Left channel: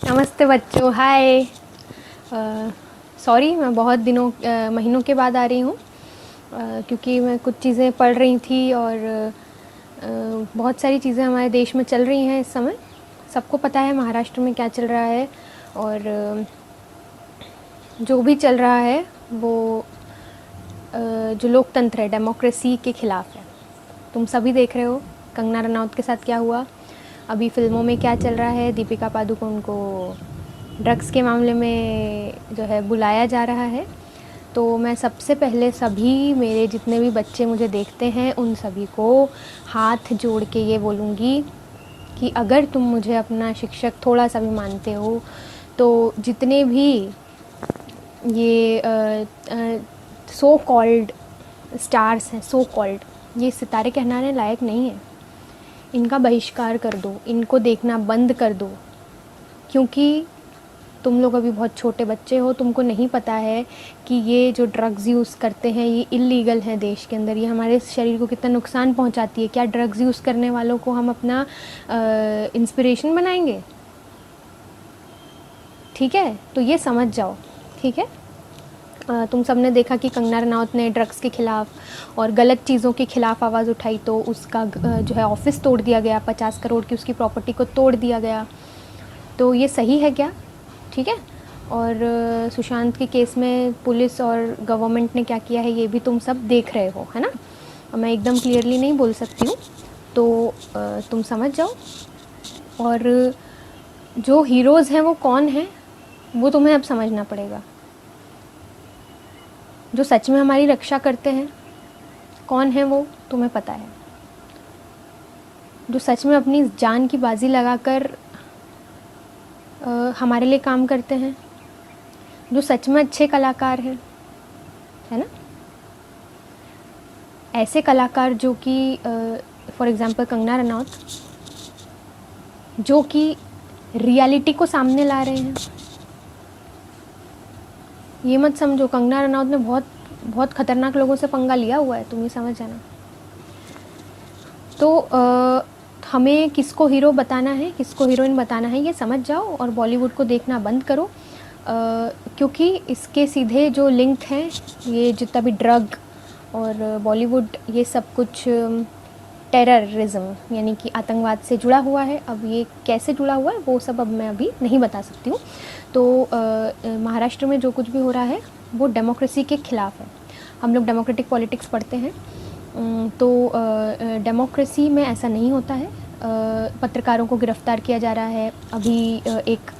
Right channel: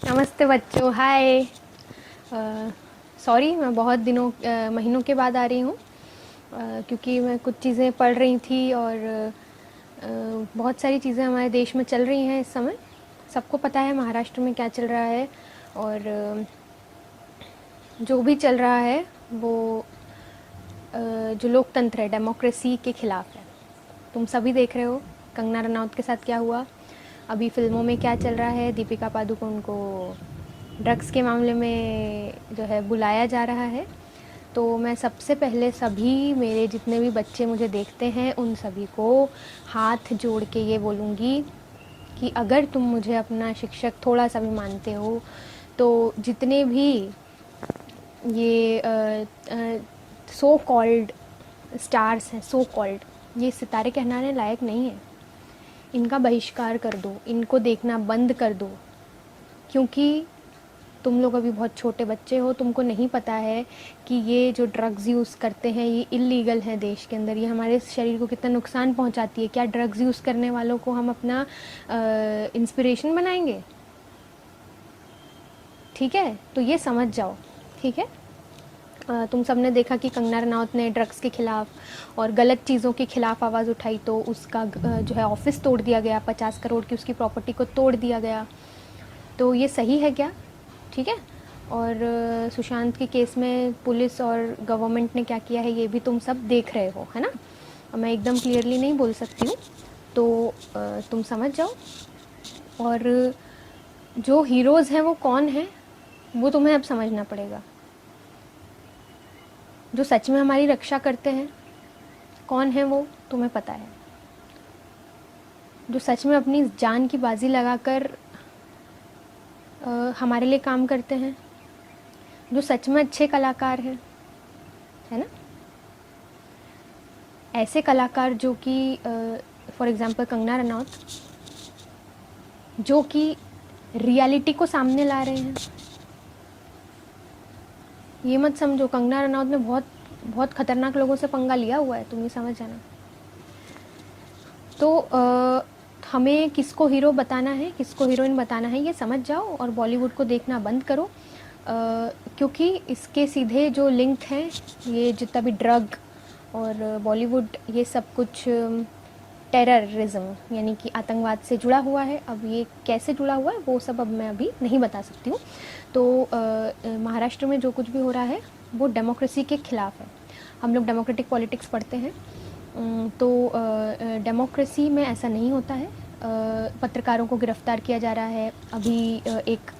नमस्ते बच्चों, हाय। सॉरी, मैं बहुत महीनों के बाद आ रही हूँ क्योंकि मैं कुछ चीज़ें पढ़ रही थी और बहुत सारी चीज़ें हमारे देश में चल रही हैं इस समय। सबको पता है महाराष्ट्र में क्या चल रहा है और जो भी चल रहा है वो जो लोकतंत्र है, डेमोक्रेसी के ख़िलाफ़ है। तुम सभी देख रहे हो कंगना रनौत के साथ क्या हुआ, अभी फिल्मों में क्या चल रहा है। दीपिका पादुकोण को ड्रग्स के मामले में जो है बुलाया जा रहा है। तो मैं सबसे पहले सभी मेरे जितने भी बच्चे मुझे देखते हैं उन सभी को हाथ जोड़ के ये बोलूँगी कि अगर तुम मुझे अपना शिक्षक थोड़ा सा भी मानते हो तो जितने भी ये सो कॉल्ड स्टार्स हैं, सो कॉल्ड ये सितारे कहलाने लायक नहीं है, इनका बहिष्कार कर दो, इनको देखना बंद कर दो। क्योंकि तुम लोग अभी बहुत छोटे बच्चे हो, तुमको नहीं पता है कि ये जो ड्रग्स यूज़ करते हैं ये इल्लीगल है देश के अंदर, ये हमारे शरीर को कितना नुकसान पहुंचाती है। क्या ड्रग्स यूज़ करने वालों को हम अपना इंस्पिरेशन बनाएंगे? ठीक है, तो ये समझ जाओ। ठीक है, तुम सब ने देखा कि कंगना रनौत ने ड्रग्स के ख़िलाफ़ और गलत चीज़ों के ख़िलाफ़ आवाज़ उठाई तो उसका जो है ऑफिस तोड़ दिया गया, 50 करोड़ की उसकी प्रॉपर्टी को तोड़ दिया गया। तो ये सही है क्या? ठीक है। और सुशांत के केस में पुलिस और गवर्नमेंट ने क्या किया है ये भी तुम सब देख रहे हो, है ना। मैं एकदम क्लियरली नहीं बोल सकती हूँ, तो तुम समझ जाओ। और जो हीरोज़ हैं वो कौन हैं वो तुम्हें अब समझना पड़ेगा। जो सच में हमारी रक्षा करते हैं कौन है वो तुम्हें पता है। जो सच में अपनी जान की बाजी लगाकर हमारे लिए काम करते हैं, जो सच में अच्छे कलाकार हैं, है ना। ऐसे कलाकार जो कि फॉर एग्जांपल कंगना रनौत, जो कि रियलिटी को सामने ला रहे हैं। ये मत समझो कंगना रनौत ने बहुत बहुत ख़तरनाक लोगों से पंगा लिया हुआ है, तुम ये समझ जाना। तो हमें किसको हीरो बताना है, किसको हीरोइन बताना है ये समझ जाओ और बॉलीवुड को देखना बंद करो। क्योंकि इसके सीधे जो लिंक हैं, ये जितना भी ड्रग और बॉलीवुड, ये सब कुछ टेररिज्म यानी कि आतंकवाद से जुड़ा हुआ है। अब ये कैसे जुड़ा हुआ है वो सब अब मैं अभी नहीं बता सकती हूँ। तो महाराष्ट्र में जो कुछ भी हो रहा है वो डेमोक्रेसी के ख़िलाफ़ है। हम लोग डेमोक्रेटिक पॉलिटिक्स पढ़ते हैं, तो डेमोक्रेसी में ऐसा नहीं होता है। पत्रकारों को गिरफ्तार किया जा रहा है। अभी एक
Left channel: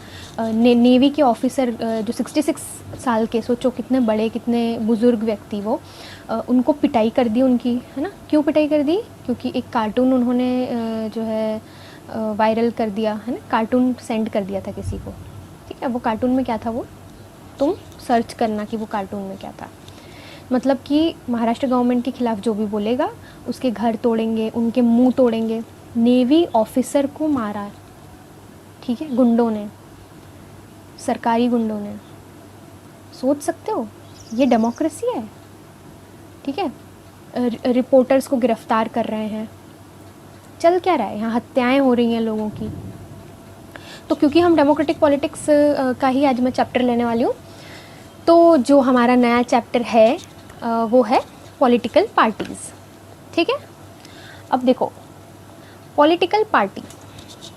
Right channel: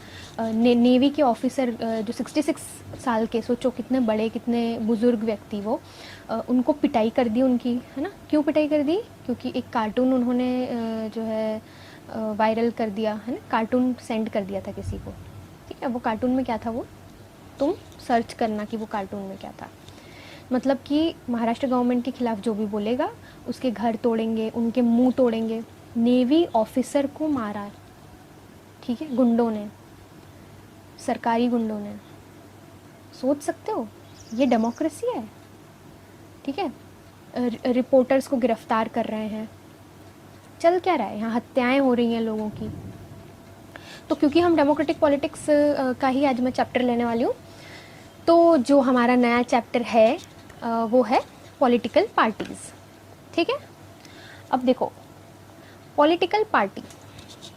नेवी के ऑफिसर जो 66 साल के, सोचो कितने बड़े कितने बुज़ुर्ग व्यक्ति वो, उनको पिटाई कर दी उनकी, है ना। क्यों पिटाई कर दी? क्योंकि एक कार्टून उन्होंने जो है वायरल कर दिया, है ना। कार्टून सेंड कर दिया था किसी को, ठीक है। वो कार्टून में क्या था वो तुम सर्च करना कि वो कार्टून में क्या था। मतलब कि महाराष्ट्र गवर्नमेंट के ख़िलाफ़ जो भी बोलेगा उसके घर तोड़ेंगे, उनके मुंह तोड़ेंगे। नेवी ऑफिसर को मारा, ठीक है, गुंडों ने, सरकारी गुंडों ने। सोच सकते हो ये डेमोक्रेसी है? ठीक है। रिपोर्टर्स को गिरफ्तार कर रहे हैं। चल क्या रहा है यहाँ? हत्याएं हो रही हैं लोगों की। तो क्योंकि हम डेमोक्रेटिक पॉलिटिक्स का ही आज मैं चैप्टर लेने वाली हूँ, तो जो हमारा नया चैप्टर है वो है पॉलिटिकल पार्टीज़। ठीक है। अब देखो, पॉलिटिकल पार्टी,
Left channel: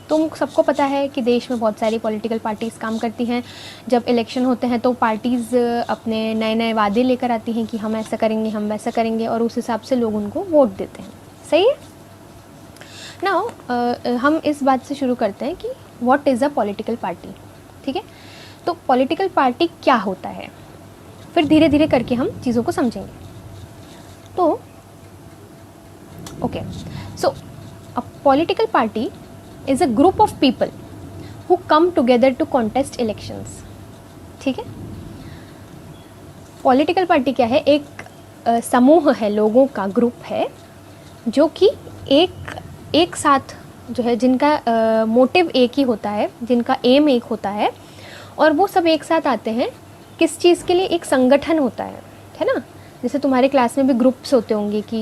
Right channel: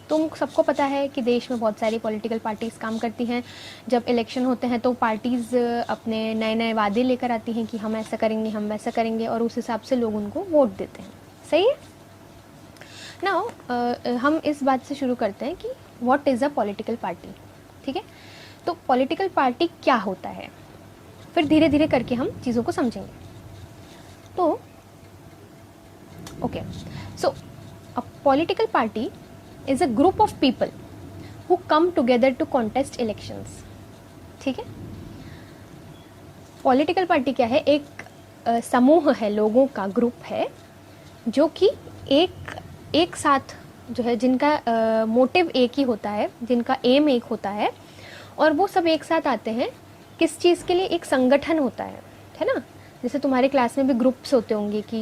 तुम सबको पता है कि देश में बहुत सारी पॉलिटिकल पार्टीज़ काम करती हैं। जब इलेक्शन होते हैं तो पार्टीज़ अपने नए नए वादे लेकर आती हैं कि हम ऐसा करेंगे, हम वैसा करेंगे, और उस हिसाब से लोग उनको वोट देते हैं। सही है। नाउ हम इस बात से शुरू करते हैं कि what is a political party. ठीक है। तो पॉलिटिकल पार्टी क्या होता है, फिर धीरे धीरे करके हम चीज़ों को समझेंगे। तो okay, so a political party is a group of people who come together to contest elections। ठीक है। पॉलिटिकल पार्टी क्या है? एक समूह है, लोगों का ग्रुप है जो कि एक साथ जो है, जिनका मोटिव एक ही होता है, जिनका एम एक होता है, और वो सब एक साथ आते हैं किस चीज़ के लिए? एक संगठन होता है ना। जैसे तुम्हारे क्लास में भी ग्रुप्स होते होंगे कि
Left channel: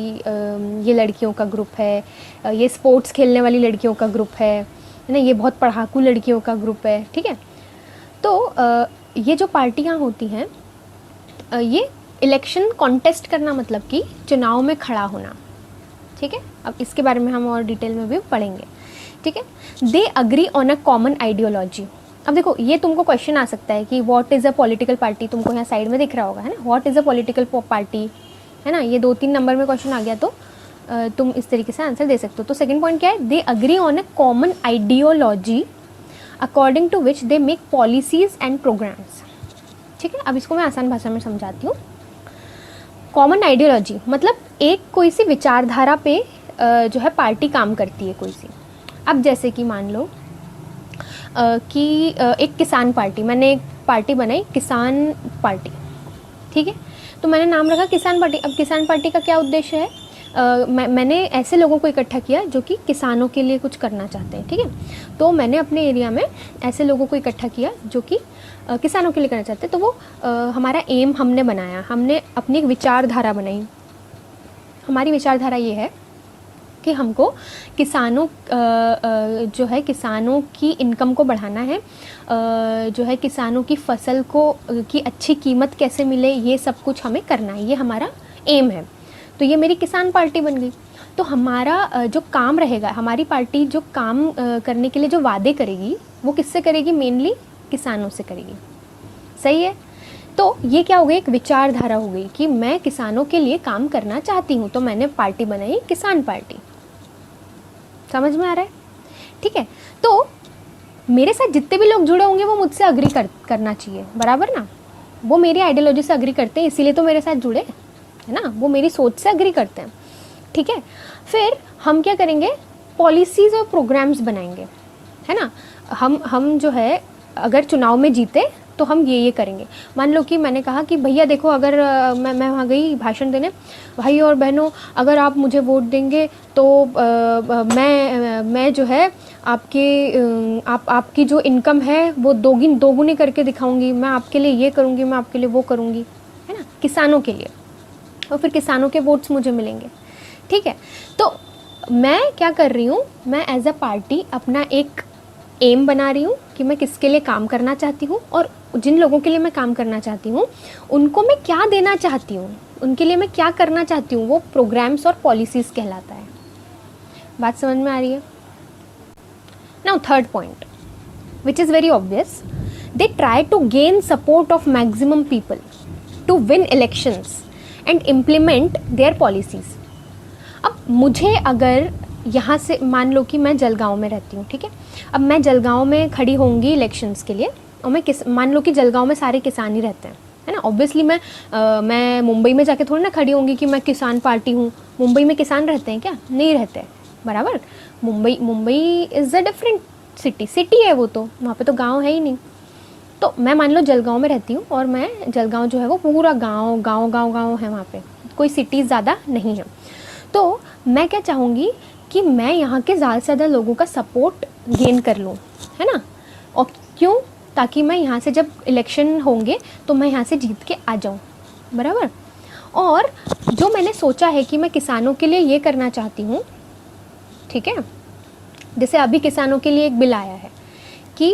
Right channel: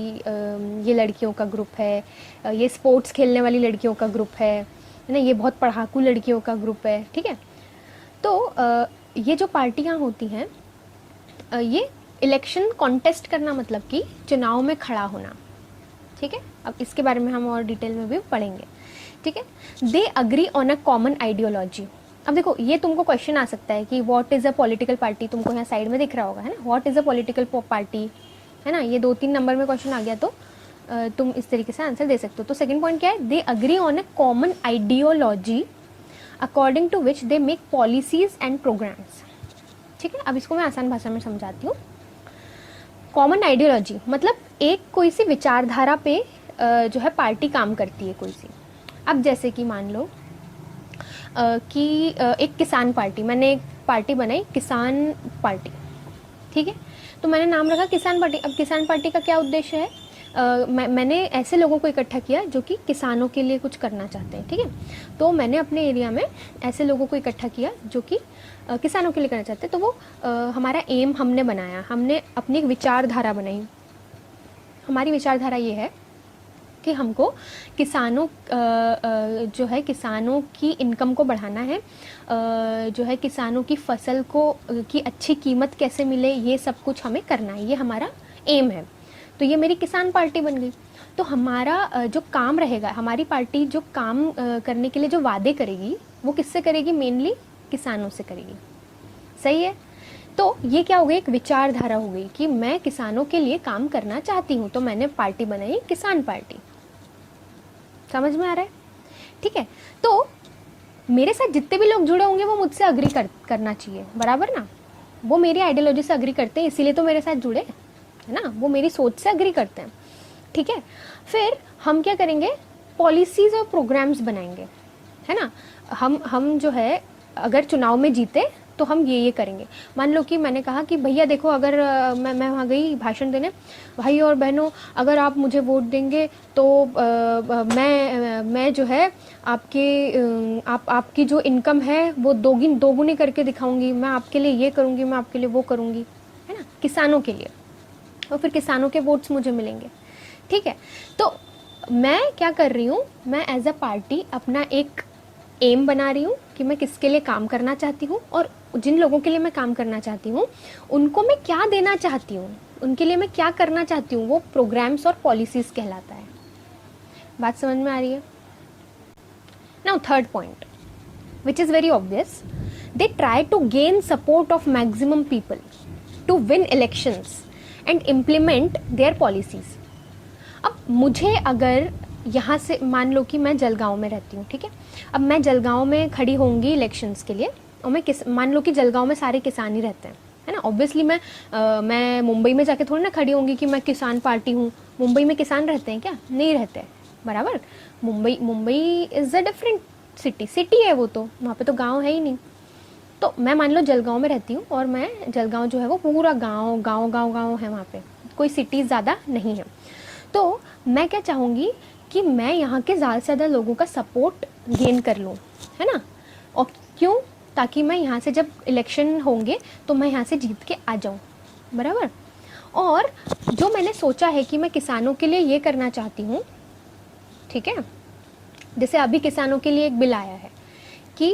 ये लड़कियों का ग्रुप है, ये स्पोर्ट्स खेलने वाली लड़कियों का ग्रुप है, है ना, ये बहुत पढ़ाकू लड़कियों का ग्रुप है, ठीक है। तो ये जो पार्टियां होती हैं, ये इलेक्शन कॉन्टेस्ट करना, मतलब कि चुनाव में खड़ा होना, ठीक है। अब इसके बारे में हम और डिटेल में भी पढ़ेंगे, ठीक है। They agree on a common ideology. अब देखो, ये तुमको क्वेश्चन आ सकता है कि what is a political party, तुमको यहाँ साइड में दिख रहा होगा, है ना, what is a political party, है ना। ये 2-3 नंबर में क्वेश्चन आ गया तो तुम इस तरीके से आंसर दे सकते हो। तो सेकंड पॉइंट क्या है, they agree on a common ideology according to which they make policies and programmes, ठीक है। अब इसको मैं आसान भाषा में समझाती हूँ। कॉमन आइडियोलॉजी मतलब एक कोई सी विचारधारा पे जो है पार्टी काम करती है कोई सी। अब जैसे कि मान लो कि एक किसान पार्टी, मैंने एक पार्टी बनाई किसान पार्टी, ठीक है। तो मैंने नाम रखा किसान पार्टी। अब किसान पार्टी का क्या उद्देश्य है, मैंने ऐसे लोगों को इकट्ठा किया जो कि किसानों के लिए कुछ करना चाहते हैं, ठीक है। तो मैंने अपने एरिया में ऐसे लोगों को इकट्ठा किया जो कि किसानों के लिए करना चाहते हैं। तो वो हमारा एम हमने बनाया, हमने अपनी एक विचारधारा बनाई। हमारी विचारधारा ये है कि हमको किसानों जो है किसानों की इनकम को बढ़ाना है, जो है किसानों की फसल को की अच्छी कीमत कैसे मिले, ये सब कुछ हमें करना है, ये हमारा एम है। तो ये मेरी किसान पार्टी बन गई। तो हमारा जो काम रहेगा, हमारी पार्टी जो काम करने के लिए जो वादे करेगी वो किससे करेगी, मेनली किसानों से करेगी, सही है। तो ये क्या हो गई, एक विचारधारा हो गई कि मैं किसानों के लिए काम करना चाहती हूँ, तो मैंने पार्टी बनाई किसान पार्टी। समझ में आ रहा है, ठीक है। तो मेरे साथ जितने भी लोग जुड़े होंगे वो मुझसे अग्री करना चाहिए, बराबर ना। वो मेरी आइडियोलॉजी से अग्री करते हैं, इसीलिए तो मेरे साथ जुड़े, है ना, वो मेरी सोच से अग्री करते हैं, ठीक है। फिर हम क्या करेंगे, पॉलिसीज़ और प्रोग्राम्स बनाएंगे, है ना। हम जो है अगर चुनाव में जीते तो हम ये करेंगे। मान लो कि मैंने कहा कि भैया देखो, अगर मैं वहाँ गई भाषण देने, भाई और बहनों अगर आप मुझे वोट देंगे तो मैं जो है आपकी जो इनकम है वो दोगुनी करके दिखाऊंगी, मैं आपके लिए ये करूँगी, मैं आपके लिए वो करूँगी, है ना, किसानों के लिए, और फिर किसानों के वोट्स मुझे मिलेंगे, ठीक है। तो मैं क्या कर रही हूँ, मैं एज अ पार्टी अपना एक एम बना रही हूँ कि मैं किसके लिए काम करना चाहती हूँ, और जिन लोगों के लिए मैं काम करना चाहती हूँ उनको मैं क्या देना चाहती हूँ, उनके लिए मैं क्या करना चाहती हूँ, वो प्रोग्राम्स और पॉलिसीज़ कहलाता है। बात समझ में आ रही है। Now third point which is very obvious, they try to gain support of maximum people to win elections and implement their policies. अब मुझे अगर यहाँ से मान लो कि मैं जलगांव में रहती हूँ, ठीक है। अब मैं जलगांव में खड़ी होंगी इलेक्शंस के लिए, और मैं मान लो कि जलगांव में सारे किसान ही रहते हैं, है ना। ऑब्वियसली मैं मुंबई में जाके थोड़ी ना खड़ी होंगी कि मैं किसान पार्टी हूँ। मुंबई में किसान रहते हैं क्या, नहीं रहते, बराबर। Mumbai is a different city है वो, तो वहाँ पे तो गाँव है ही नहीं। तो मैं मान लो जलगांव में रहती हूँ, और मैं जलगांव जो है वो पूरा गाँव है, वहाँ पे कोई सिटीज़ ज़्यादा नहीं है। तो मैं क्या चाहूँगी कि मैं यहाँ के ज़्यादा से ज़्यादा लोगों का सपोर्ट गेन कर लूँ, है ना। और क्यों, ताकि मैं यहाँ से जब इलेक्शन होंगे तो मैं यहाँ से जीत के आ जाऊँ, बराबर। और जो मैंने सोचा है कि मैं किसानों के लिए ये करना चाहती हूँ, ठीक है। जैसे अभी किसानों के लिए एक बिल आया है कि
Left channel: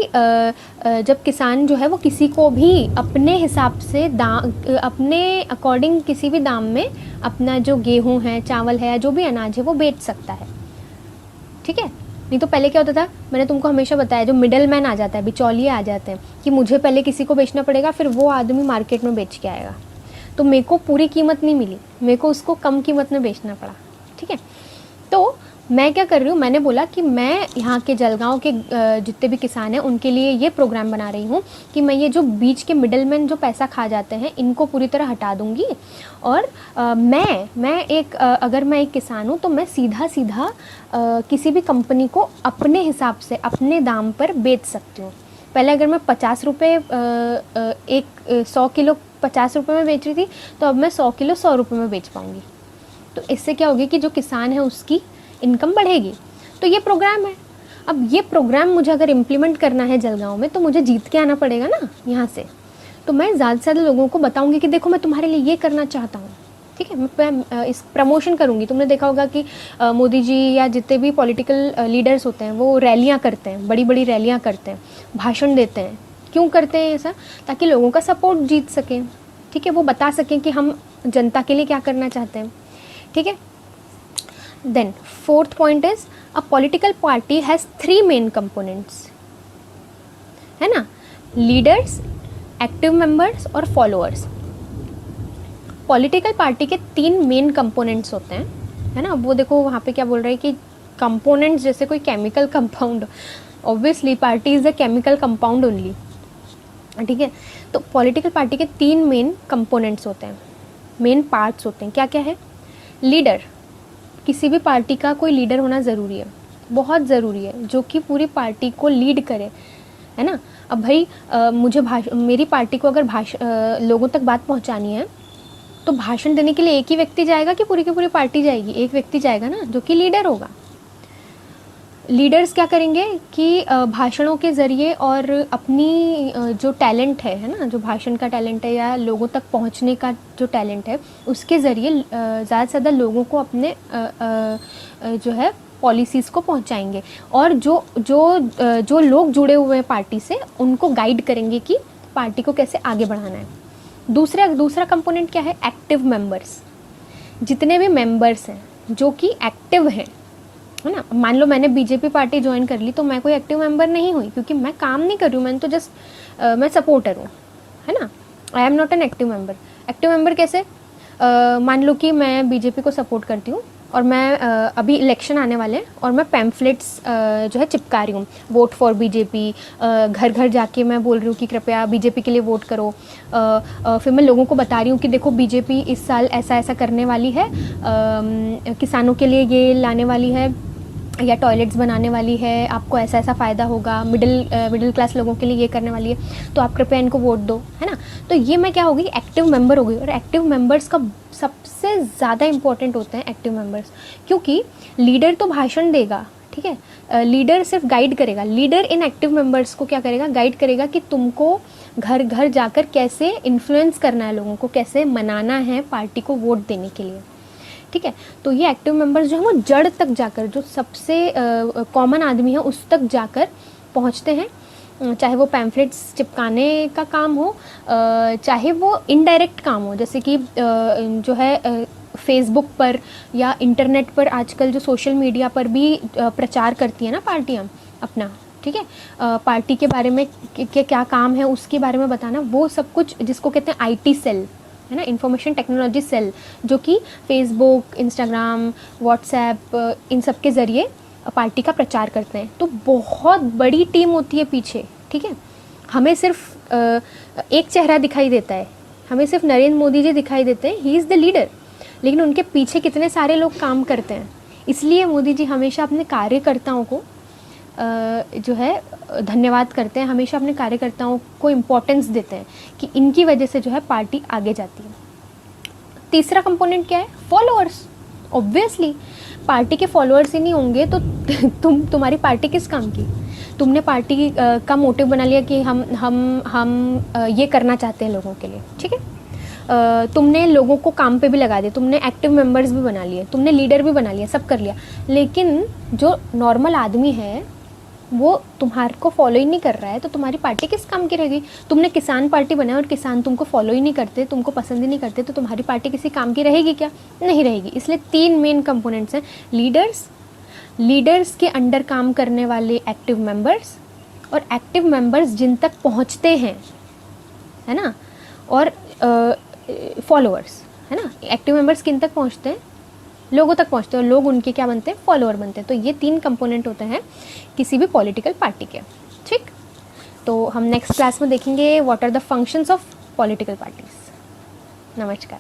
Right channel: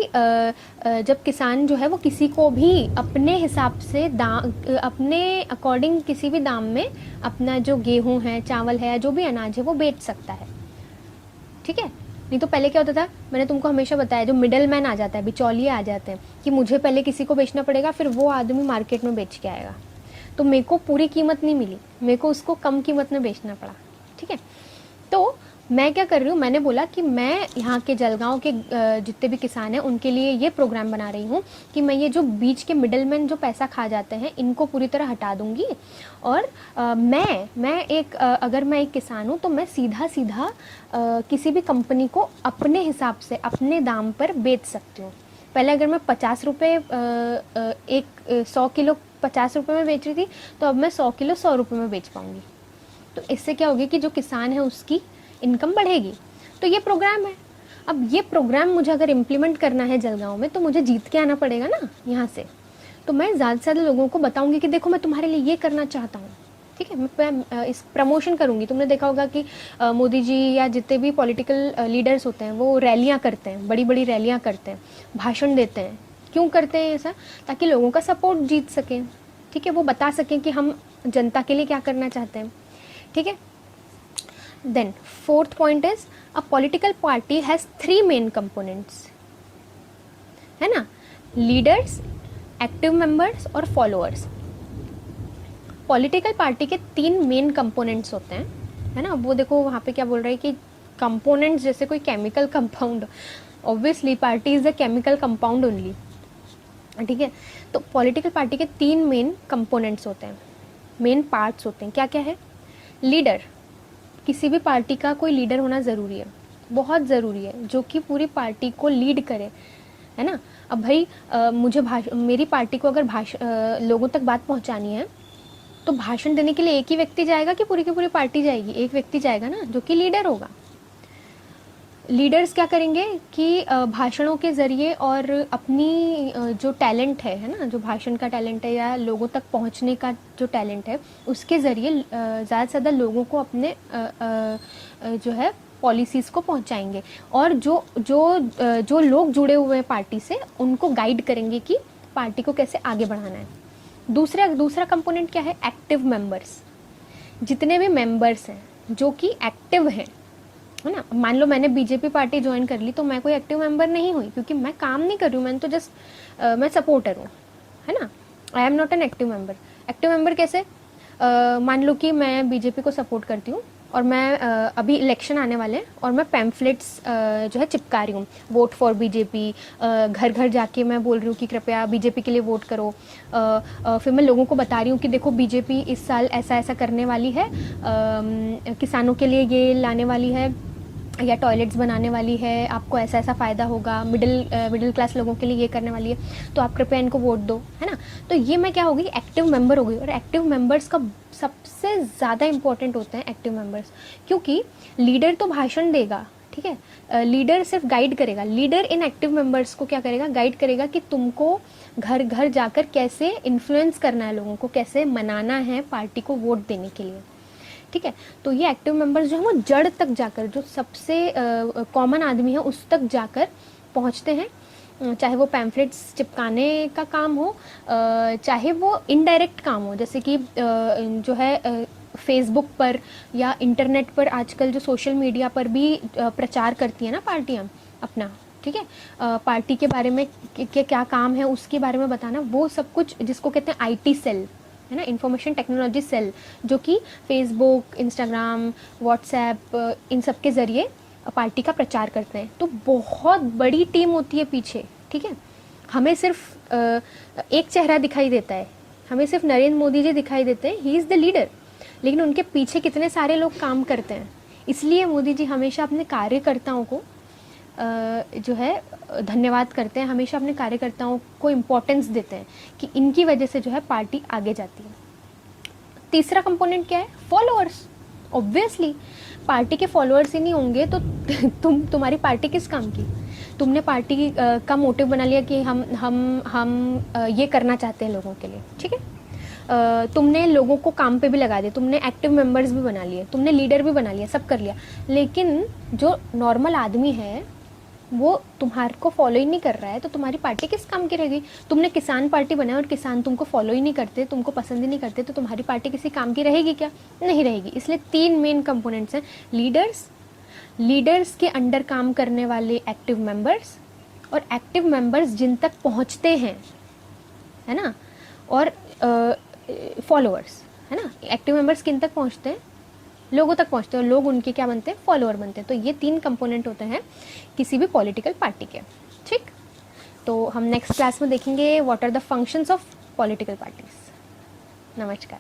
जब किसान जो है वो किसी को भी अपने हिसाब से अपने अकॉर्डिंग किसी भी दाम में अपना जो गेहूं है, चावल है, जो भी अनाज है वो बेच सकता है, ठीक है। नहीं तो पहले क्या होता था, मैंने तुमको हमेशा बताया, जो मिडल मैन आ जाता है, बिचौलिए आ जाते हैं कि मुझे पहले किसी को बेचना पड़ेगा, फिर वो आदमी मार्केट में बेच के आएगा, तो मेरे को पूरी कीमत नहीं मिली, मेरे को उसको कम कीमत में बेचना पड़ा, ठीक है। तो मैं क्या कर रही हूँ, मैंने बोला कि मैं यहाँ के जलगांव के जितने भी किसान हैं उनके लिए ये प्रोग्राम बना रही हूँ कि मैं ये जो बीच के मिडलमैन जो पैसा खा जाते हैं इनको पूरी तरह हटा दूँगी, और अगर मैं एक किसान हूँ तो मैं सीधा किसी भी कंपनी को अपने हिसाब से अपने दाम पर बेच सकती हूँ। पहले अगर मैं 50 रुपये 100 किलो 50 रुपये में बेच रही थी, तो अब मैं 100 किलो 100 रुपये में बेच पाऊँगी। तो इससे क्या होगी कि जो किसान है उसकी इनकम बढ़ेगी। तो ये प्रोग्राम है। अब ये प्रोग्राम मुझे अगर इम्प्लीमेंट करना है जलगांव में, तो मुझे जीत के आना पड़ेगा ना यहाँ से। तो मैं ज़्यादा से ज़्यादा लोगों को बताऊंगी कि देखो मैं तुम्हारे लिए ये करना चाहता हूँ, ठीक है, मैं इस प्रमोशन करूँगी। तुमने देखा होगा कि मोदी जी या जितने भी पॉलिटिकल लीडर्स होते हैं वो रैलियाँ करते हैं, बड़ी बड़ी रैलियाँ करते हैं, भाषण देते हैं। क्यों करते हैं ऐसा? ताकि लोगों का सपोर्ट जीत सकें, ठीक है, वो बता सकें कि हम जनता के लिए क्या करना चाहते हैं, ठीक है। Then fourth point is a political party has 3 main components, है ना, लीडर्स, एक्टिव मेंबर्स और फॉलोअर्स। पॉलिटिकल पार्टी के 3 मेन कंपोनेंट्स होते हैं, है ना। वो देखो वहाँ पे क्या बोल रहे हैं कि कंपोनेंट्स जैसे कोई chemical compound, obviously party is a chemical compound only, ठीक है। तो पॉलिटिकल पार्टी के 3 मेन कंपोनेंट्स होते हैं, मेन पार्ट्स होते हैं। क्या क्या है? लीडर, किसी भी पार्टी का कोई लीडर होना ज़रूरी है, बहुत ज़रूरी है, जो कि पूरी पार्टी को लीड करे, है ना। अब भाई मुझे मेरी पार्टी को अगर लोगों तक बात पहुंचानी है तो भाषण देने के लिए एक ही व्यक्ति जाएगा कि पूरी की पूरी पार्टी जाएगी? एक व्यक्ति जाएगा ना, जो कि लीडर होगा। लीडर्स क्या करेंगे कि भाषणों के ज़रिए और अपनी जो टैलेंट है ना, जो भाषण का टैलेंट है या लोगों तक पहुंचने का जो टैलेंट है, उसके ज़रिए ज़्यादा से ज़्यादा लोगों को अपने जो है पॉलिसीज़ को पहुंचाएंगे, और जो लोग जुड़े हुए हैं पार्टी से उनको गाइड करेंगे कि पार्टी को कैसे आगे बढ़ाना है। दूसरा कंपोनेंट क्या है? Active members. जितने भी मेंबर्स हैं जो कि एक्टिव हैं, है ना। मान लो मैंने बीजेपी पार्टी ज्वाइन कर ली तो मैं कोई एक्टिव मेंबर नहीं हुई, क्योंकि मैं काम नहीं कर रही हूँ, मैंने तो जस्ट मैं सपोर्टर हूँ, है ना। I am not an active member. Active member कैसे? मान लो कि मैं बीजेपी को सपोर्ट करती हूँ और मैं अभी इलेक्शन आने वाले हैं और मैं पैम्फलेट्स जो है चिपका रही हूँ, वोट फॉर बीजेपी, घर घर जाके मैं बोल रही हूँ कि कृपया बीजेपी के लिए वोट करो। फिर मैं लोगों को बता रही हूँ कि देखो बीजेपी इस साल ऐसा ऐसा करने वाली है, किसानों के लिए ये लाने वाली है या टॉयलेट्स बनाने वाली है, आपको ऐसा ऐसा फ़ायदा होगा, मिडिल क्लास लोगों के लिए ये करने वाली है, तो आप कृपया इनको वोट दो, है ना। तो ये मैं क्या हो गई? एक्टिव मेंबर हो गई। और एक्टिव मेंबर्स का सबसे ज़्यादा इंपॉर्टेंट होते हैं एक्टिव मेंबर्स, क्योंकि लीडर तो भाषण देगा, ठीक है, लीडर सिर्फ गाइड करेगा। लीडर इन एक्टिव मेंबर्स को क्या करेगा? गाइड करेगा कि तुमको घर घर जाकर कैसे इन्फ्लुएंस करना है, लोगों को कैसे मनाना है पार्टी को वोट देने के लिए, ठीक है। तो ये एक्टिव मेंबर्स जो है वो जड़ तक जाकर, जो सबसे कॉमन आदमी है उस तक जाकर पहुंचते हैं, चाहे वो पैम्फलेट्स चिपकाने का काम हो, चाहे वो इनडायरेक्ट काम हो, जैसे कि जो है फेसबुक पर या इंटरनेट पर आजकल जो सोशल मीडिया पर भी प्रचार करती है ना पार्टियां अपना, ठीक है, पार्टी के बारे में क्या काम है उसके बारे में बताना, वो सब कुछ जिसको कहते हैं आईटी सेल, है ना, इंफॉर्मेशन टेक्नोलॉजी सेल, जो कि फेसबुक, इंस्टाग्राम, व्हाट्सएप इन सब के ज़रिए पार्टी का प्रचार करते हैं। तो बहुत बड़ी टीम होती है पीछे, ठीक है। हमें सिर्फ एक चेहरा दिखाई देता है, हमें सिर्फ नरेंद्र मोदी जी दिखाई देते हैं, ही इज़ द लीडर, लेकिन उनके पीछे कितने सारे लोग काम करते हैं। इसलिए मोदी जी हमेशा अपने कार्यकर्ताओं को जो है धन्यवाद करते हैं, हमेशा अपने कार्यकर्ताओं को इम्पोर्टेंस देते हैं कि इनकी वजह से जो है पार्टी आगे जाती है। तीसरा कंपोनेंट क्या है? फॉलोअर्स। ऑब्वियसली पार्टी के फॉलोअर्स ही नहीं होंगे तो तुम्हारी पार्टी किस काम की? तुमने पार्टी का मोटिव बना लिया कि हम ये करना चाहते हैं लोगों के लिए, ठीक है। तुमने लोगों को काम पे भी लगा दिया, तुमने एक्टिव मेंबर्स भी बना लिए, तुमने लीडर भी बना लिया, सब कर लिया, लेकिन जो नॉर्मल आदमी है वो तुम्हारे को फॉलो ही नहीं कर रहा है, तो तुम्हारी पार्टी किस काम की रहेगी? तुमने किसान पार्टी बनाया और किसान तुमको फॉलो ही नहीं करते, तुमको पसंद ही नहीं करते, तो तुम्हारी पार्टी किसी काम की रहेगी क्या? नहीं रहेगी। इसलिए 3 मेन कंपोनेंट्स हैं, लीडर्स के अंडर काम करने वाले एक्टिव मेंबर्स, और एक्टिव मेंबर्स जिन तक पहुंचते हैं, है ना, और फॉलोअर्स, है ना। एक्टिव मेंबर्स किन तक पहुंचते हैं? लोगों तक पहुंचते हैं, और लोग उनके क्या बनते हैं? फॉलोअर बनते हैं। तो ये 3 कंपोनेंट होते हैं किसी भी पॉलिटिकल पार्टी के, ठीक। तो हम नेक्स्ट क्लास में देखेंगे what are the functions of political parties. नमस्कार।